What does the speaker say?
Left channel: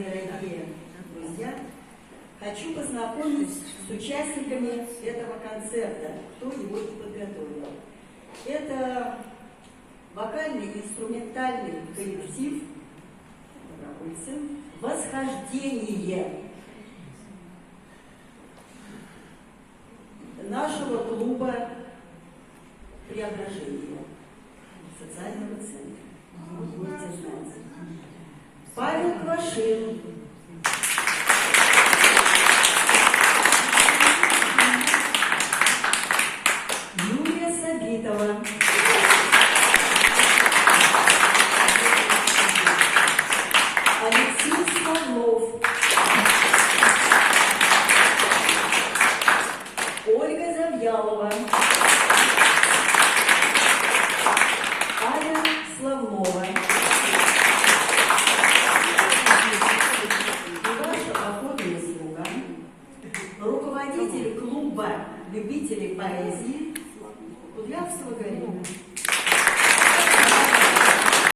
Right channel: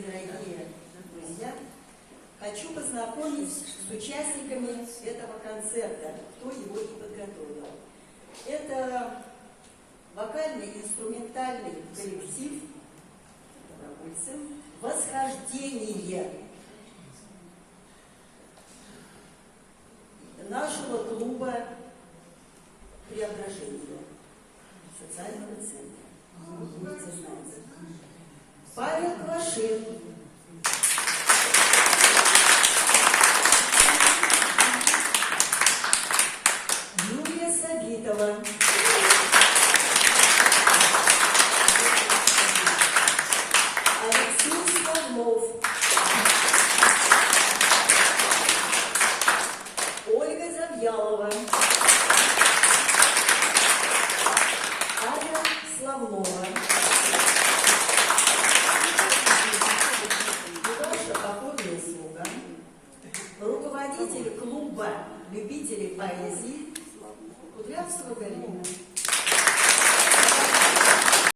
мои дорогие друзья, хочу познакомить с участниками этого концерта, кто его и подготовил. Это вокально-инструментальный коллектив «Восхождение» нашего клуба «Преображение» социального центра. Вы будете знать. Павел Квашин. Юлия Сабитова. Алексей Смоглов. Ольга Завьялова. Аня Славнова. И ваша покорная слуга, руководитель клуба любителей поэзии Кудрявцева Галина.